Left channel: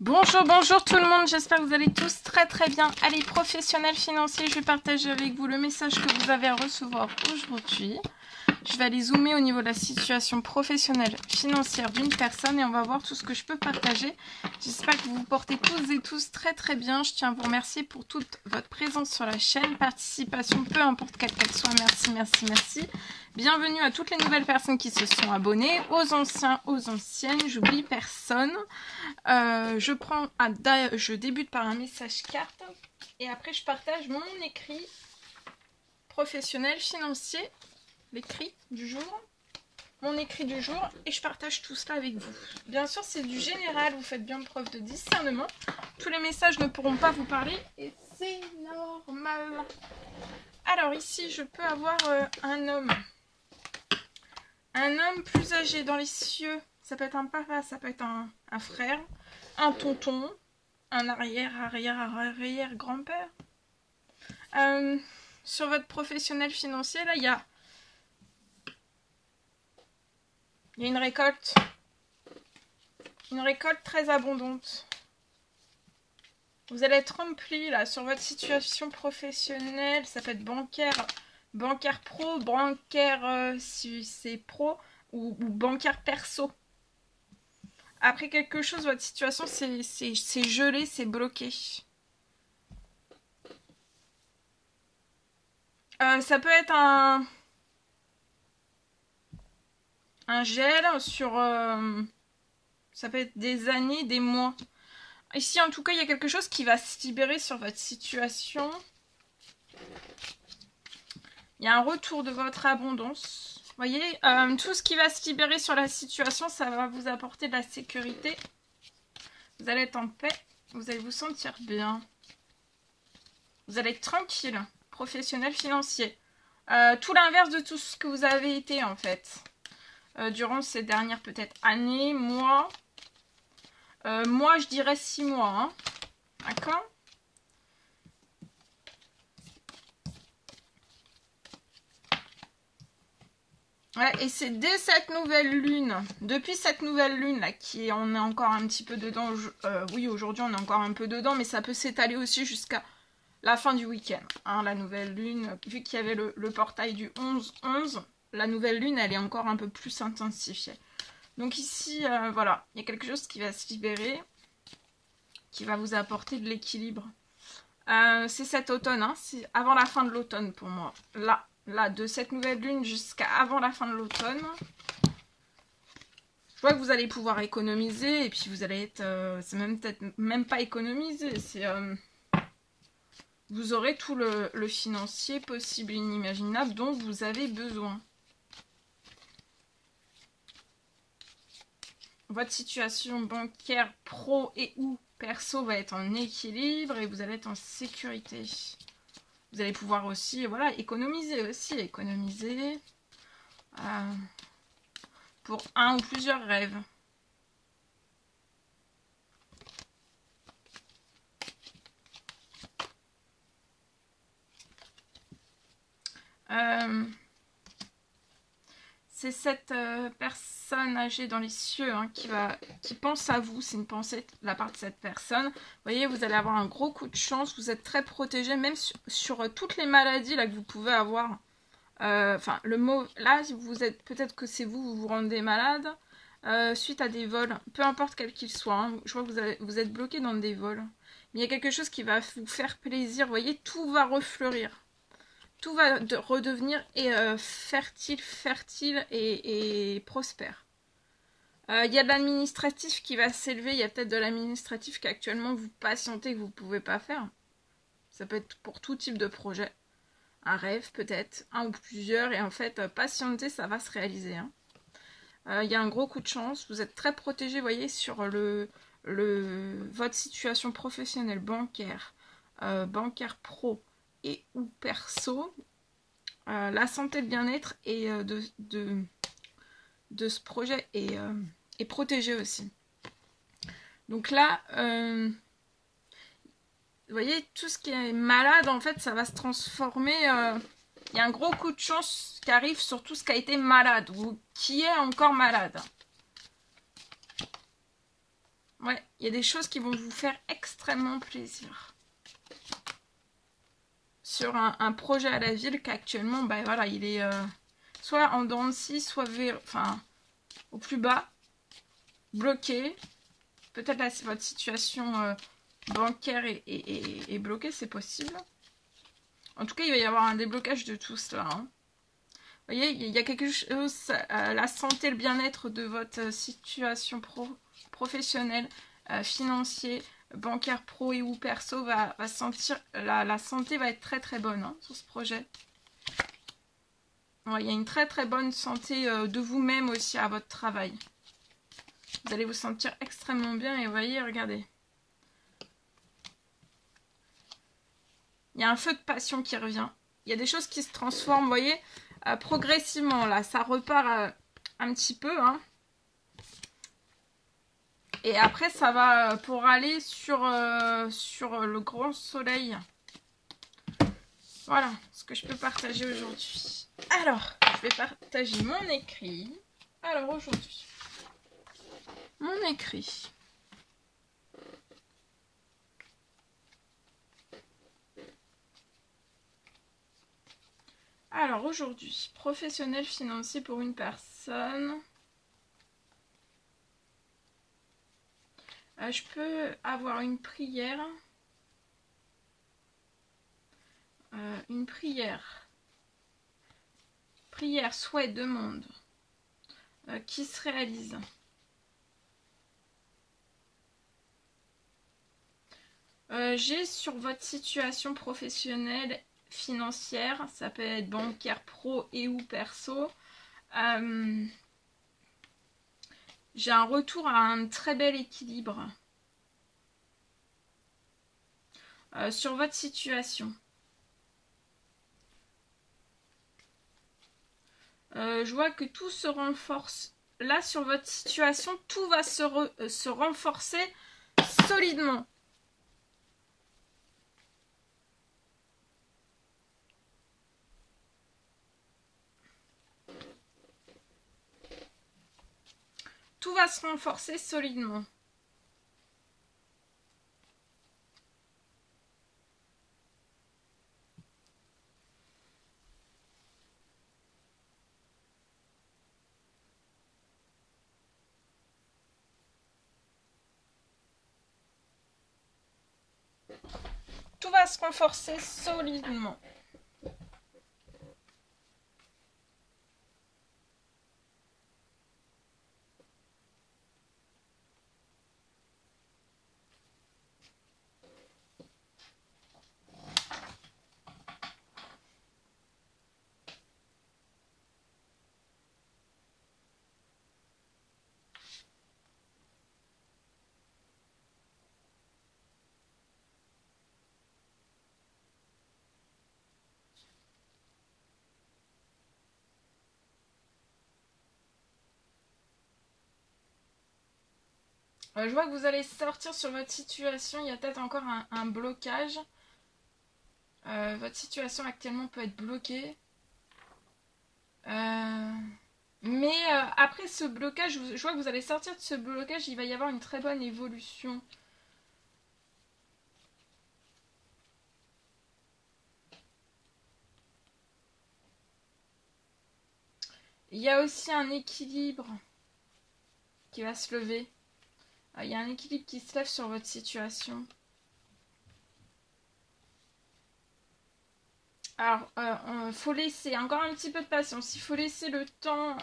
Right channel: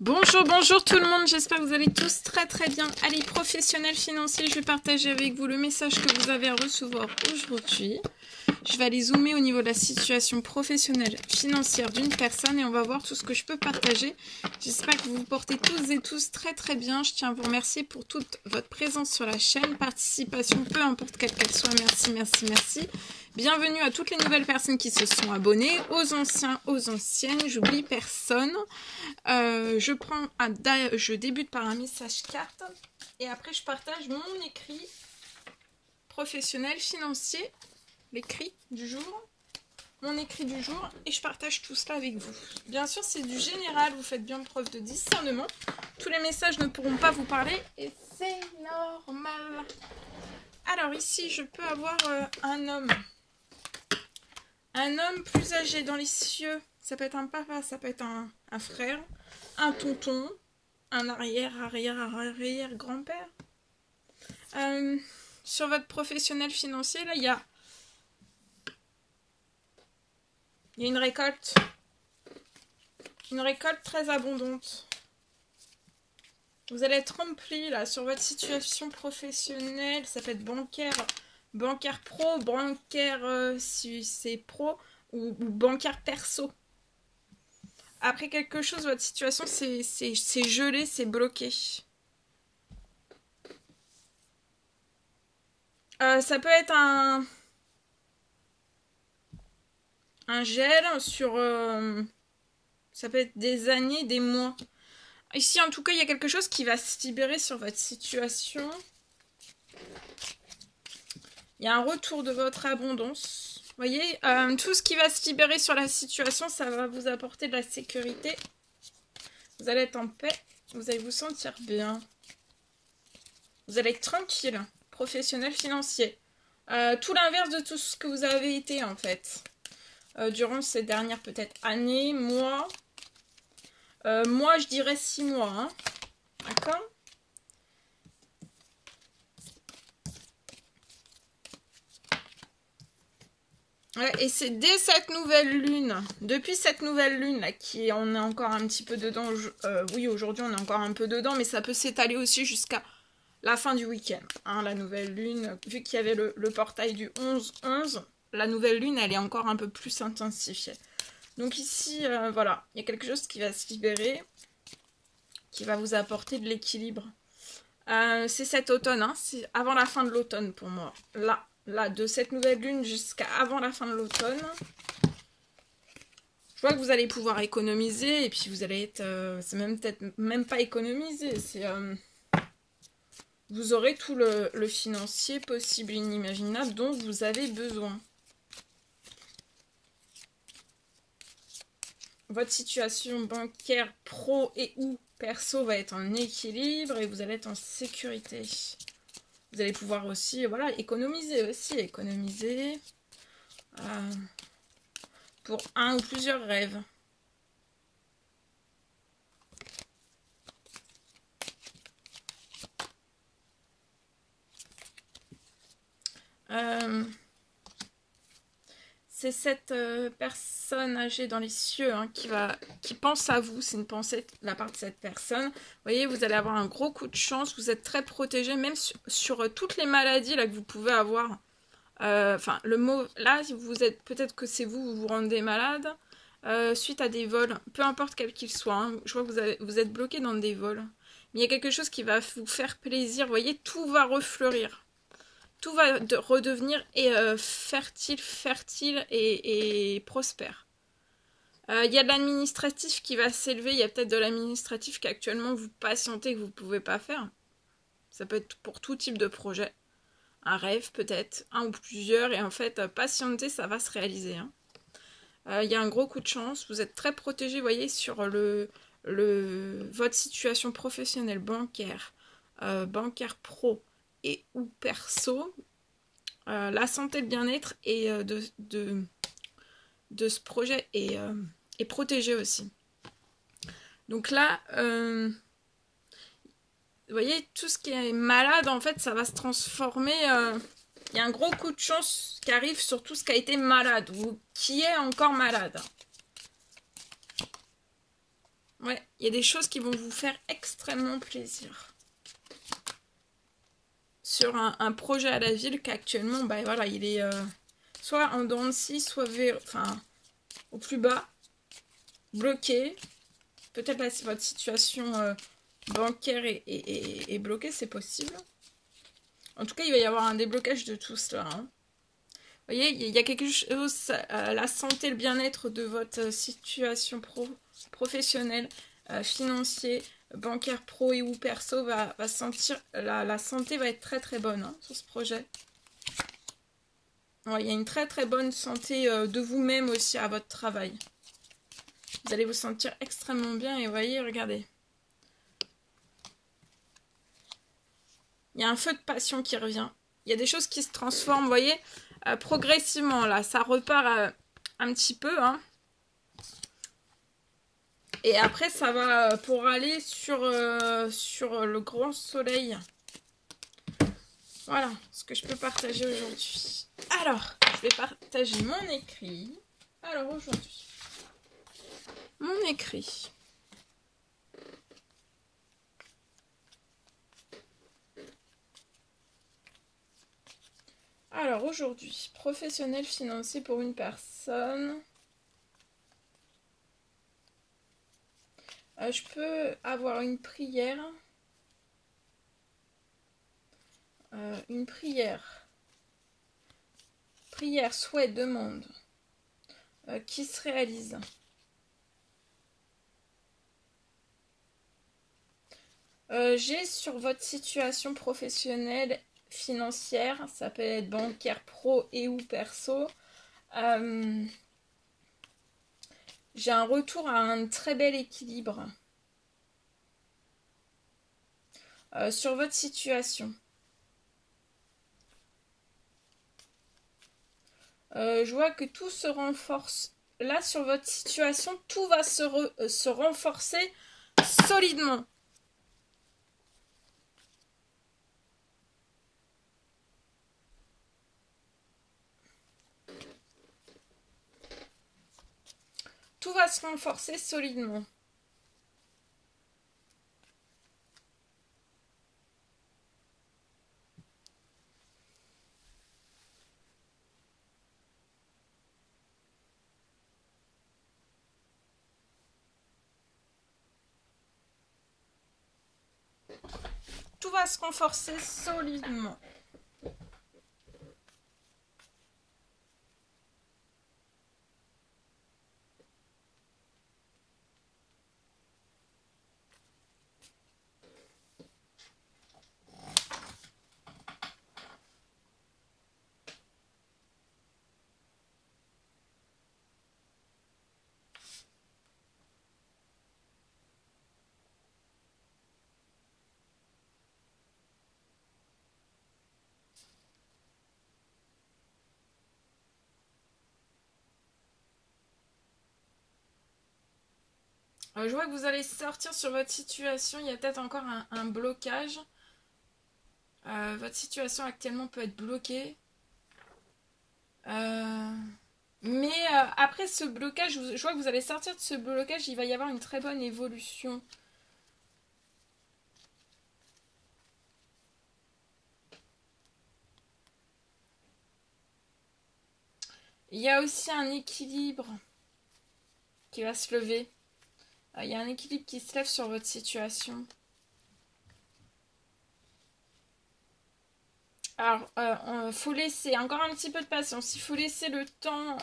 Bonjour, bonjour tout le monde, j'espère que vous allez tous très très bien. Allez, professionnels financiers, je vais partager avec vous le message que vous avez à recevoir aujourd'hui. Je vais aller zoomer au niveau de la situation professionnelle financière d'une personne et on va voir tout ce que je peux partager. J'espère que vous vous portez toutes et tous très très bien. Je tiens à vous remercier pour toute votre présence sur la chaîne, participation, peu importe quelle qu'elle soit. Merci, merci, merci. Bienvenue à toutes les nouvelles personnes qui se sont abonnées, aux anciens, aux anciennes, j'oublie personne. Je débute par un message carte et après je partage mon écrit professionnel financier, l'écrit du jour, mon écrit du jour et je partage tout cela avec vous. Bien sûr c'est du général, vous faites bien preuve de discernement. Tous les messages ne pourront pas vous parler et c'est normal. Alors ici je peux avoir un homme plus âgé dans les cieux. Ça peut être un papa, ça peut être un frère, un tonton, un arrière-grand-père. Sur votre professionnel financier, là, il y a une récolte. Une récolte très abondante. Vous allez être rempli, là, sur votre situation professionnelle. Ça peut être bancaire pro, bancaire si c'est pro, ou bancaire perso. Après quelque chose, votre situation, c'est gelé, c'est bloqué. Ça peut être un gel sur... ça peut être des années, des mois. Ici, en tout cas, il y a quelque chose qui va se libérer sur votre situation. Il y a un retour de votre abondance. Vous voyez, tout ce qui va se libérer sur la situation, ça va vous apporter de la sécurité. Vous allez être en paix. Vous allez vous sentir bien. Vous allez être tranquille. Professionnel, financier. Tout l'inverse de tout ce que vous avez été, en fait. Durant ces dernières, peut-être, années, mois. Moi, je dirais 6 mois. Hein. D'accord ? Ouais, et c'est dès cette nouvelle lune, depuis cette nouvelle lune là, on est encore un petit peu dedans, oui aujourd'hui on est encore un peu dedans, mais ça peut s'étaler aussi jusqu'à la fin du week-end. Hein, la nouvelle lune, vu qu'il y avait le portail du 11-11, la nouvelle lune elle est encore un peu plus intensifiée. Donc ici, voilà, il y a quelque chose qui va se libérer, qui va vous apporter de l'équilibre. C'est cet automne, hein, c'est avant la fin de l'automne pour moi, là, de cette nouvelle lune jusqu'à avant la fin de l'automne. Je vois que vous allez pouvoir économiser et puis vous allez être... c'est peut-être même pas économiser, c'est... vous aurez tout le financier possible et inimaginable dont vous avez besoin. Votre situation bancaire pro et ou perso va être en équilibre et vous allez être en sécurité. Vous allez pouvoir aussi, voilà, économiser pour un ou plusieurs rêves. C'est cette personne âgée dans les cieux hein, qui pense à vous. C'est une pensée de la part de cette personne. Vous voyez, vous allez avoir un gros coup de chance. Vous êtes très protégé, même sur toutes les maladies là, que vous pouvez avoir. Enfin, le mot, là, vous êtes, peut-être que c'est vous vous rendez malade suite à des vols. Peu importe quel qu'il soit. Hein, je vois que vous êtes bloqué dans des vols. Mais il y a quelque chose qui va vous faire plaisir. Vous voyez, tout va refleurir. Tout va redevenir fertile et prospère. Il y a de l'administratif qui va s'élever. Il y a peut-être de l'administratif qu'actuellement vous patientez que vous ne pouvez pas faire. Ça peut être pour tout type de projet. Un rêve peut-être, un ou plusieurs. Et en fait, patienter, ça va se réaliser. Hein. Il y a un gros coup de chance. Vous êtes très protégé, vous voyez, sur votre situation professionnelle, bancaire pro. Et ou perso, la santé, le bien-être et de ce projet est protégé aussi. Donc là, vous voyez, tout ce qui est malade, en fait, ça va se transformer. Il y a un gros coup de chance qui arrive sur tout ce qui a été malade ou qui est encore malade. Ouais, Il y a des choses qui vont vous faire extrêmement plaisir. Sur un projet à la ville qu'actuellement, bah voilà, il est soit en dents de scie, soit au plus bas, bloqué. Peut-être là, si votre situation bancaire est bloquée, c'est possible. En tout cas, il va y avoir un déblocage de tout cela. Hein. Vous voyez, il y a quelque chose, la santé, le bien-être de votre situation professionnelle, financier, bancaire pro et ou perso va sentir, la santé va être très très bonne hein, sur ce projet. Ouais, il y a une très très bonne santé de vous-même aussi à votre travail. Vous allez vous sentir extrêmement bien et vous voyez, regardez. Il y a un feu de passion qui revient. Il y a des choses qui se transforment, vous voyez, progressivement. Là, ça repart un petit peu. Hein. Et après, ça va pour aller sur le grand soleil. Voilà ce que je peux partager aujourd'hui. Alors, je vais partager mon écrit. Alors, aujourd'hui, mon écrit. Alors, aujourd'hui, professionnel financier pour une personne. Je peux avoir une prière. Une prière. Prière, souhait, demande. Qui se réalise. J'ai sur votre situation professionnelle, financière, ça peut être bancaire, pro et ou perso. J'ai un retour à un très bel équilibre sur votre situation. Je vois que tout se renforce. Là, sur votre situation, tout va se renforcer solidement. Tout va se renforcer solidement. Tout va se renforcer solidement. Je vois que vous allez sortir sur votre situation. Il y a peut-être encore un blocage. Votre situation actuellement peut être bloquée. Mais après ce blocage, je vois que vous allez sortir de ce blocage. Il va y avoir une très bonne évolution. Il y a aussi un équilibre qui va se lever. Il y a un équilibre qui se lève sur votre situation. Alors, faut laisser encore un petit peu de patience. Il faut laisser le temps,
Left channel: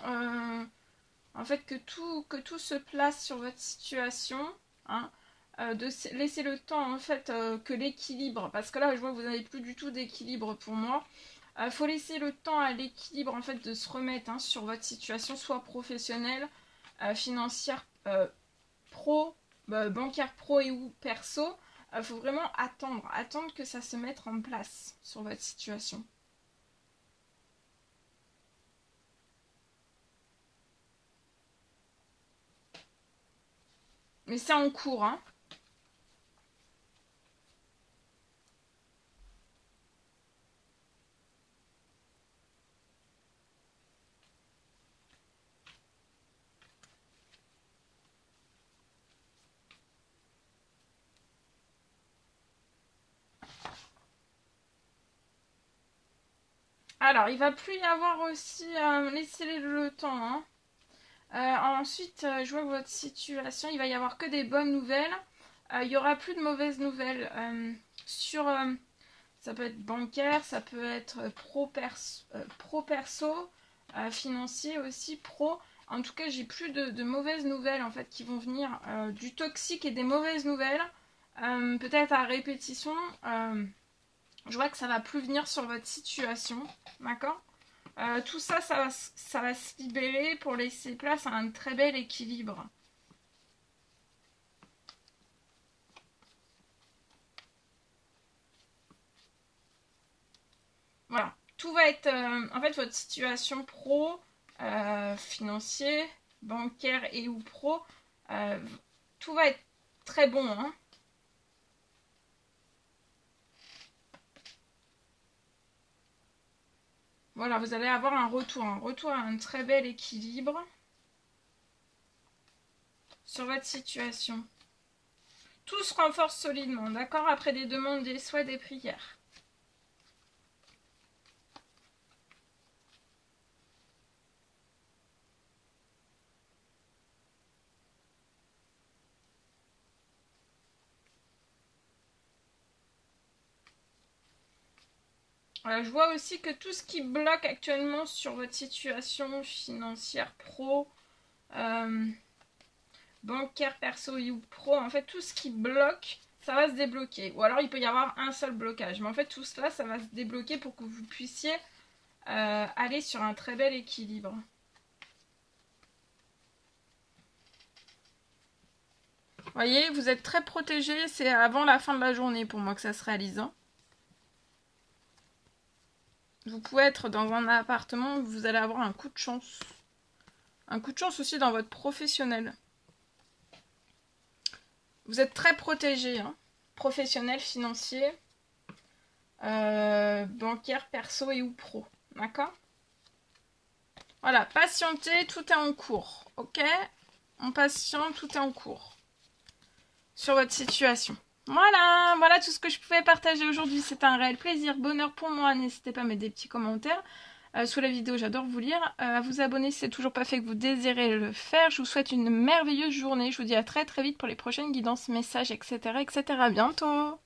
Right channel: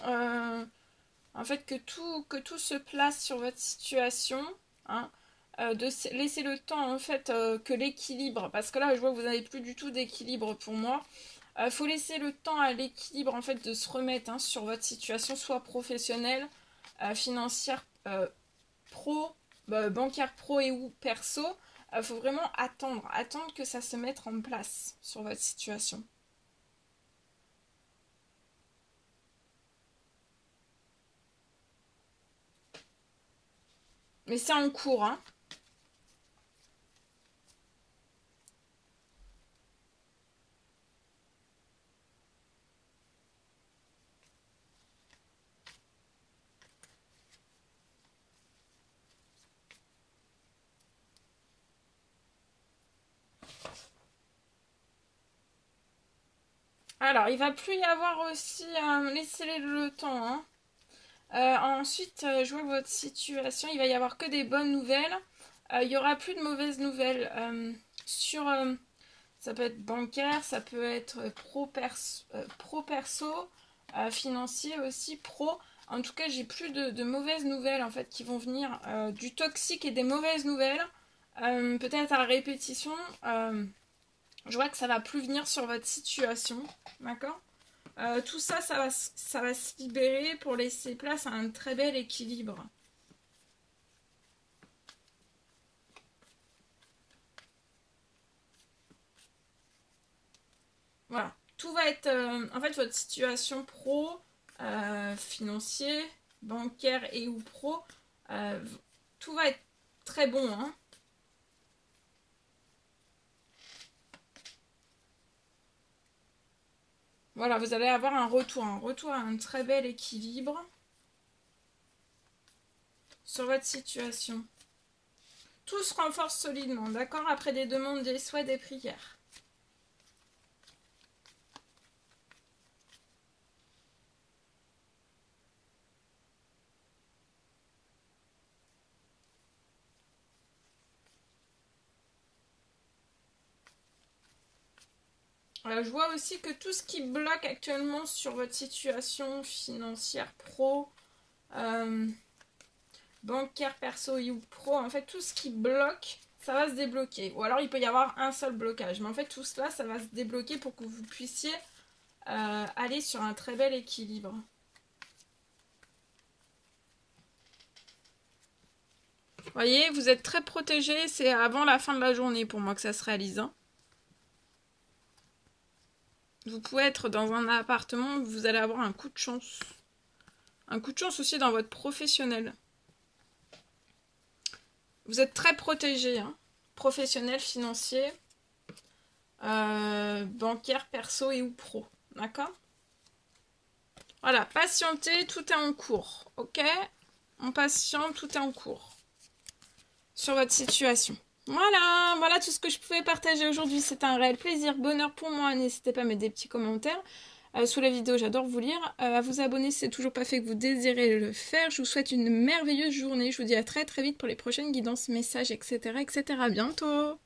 en fait, que tout se place sur votre situation. Hein, de laisser le temps, en fait, que l'équilibre, parce que là, je vois que vous n'avez plus du tout d'équilibre pour moi. Faut laisser le temps à l'équilibre, en fait, de se remettre hein, sur votre situation, soit professionnelle, financière, pro, bancaire pro et ou perso. Faut vraiment attendre que ça se mette en place sur votre situation. Mais c'est en cours, hein. Alors, il va plus y avoir aussi... laissez-les le temps, hein. Ensuite, je vois votre situation, il va y avoir que des bonnes nouvelles. Il y aura plus de mauvaises nouvelles. Ça peut être bancaire, ça peut être pro-perso, financier aussi, pro. En tout cas, j'ai plus de mauvaises nouvelles en fait qui vont venir. Du toxique et des mauvaises nouvelles. Peut-être à répétition. Je vois que ça va plus venir sur votre situation. D'accord ? Tout ça, ça va se libérer pour laisser place à un très bel équilibre. Voilà, tout va être... en fait, votre situation pro, financier, bancaire et ou pro, tout va être très bon, hein. Voilà, vous allez avoir un retour à un très bel équilibre sur votre situation. Tout se renforce solidement, d'accord? Après des demandes, des souhaits, des prières. Je vois aussi que tout ce qui bloque actuellement sur votre situation financière pro, bancaire, perso ou pro, en fait tout ce qui bloque, ça va se débloquer. Ou alors il peut y avoir un seul blocage. Mais en fait tout cela, ça va se débloquer pour que vous puissiez aller sur un très bel équilibre. Vous voyez, vous êtes très protégé. C'est avant la fin de la journée pour moi que ça se réalise, hein. Vous pouvez être dans un appartement où vous allez avoir un coup de chance. Un coup de chance aussi dans votre professionnel. Vous êtes très protégé, hein. Professionnel, financier, bancaire, perso et ou pro. D'accord? Voilà, patientez, tout est en cours. Ok? On patiente, tout est en cours. Sur votre situation. Voilà tout ce que je pouvais partager aujourd'hui. C'était un réel plaisir, bonheur pour moi. N'hésitez pas à mettre des petits commentaires sous la vidéo, j'adore vous lire. À vous abonner si c'est toujours pas fait que vous désirez le faire. Je vous souhaite une merveilleuse journée. Je vous dis à très très vite pour les prochaines guidances, messages, etc. etc. À bientôt!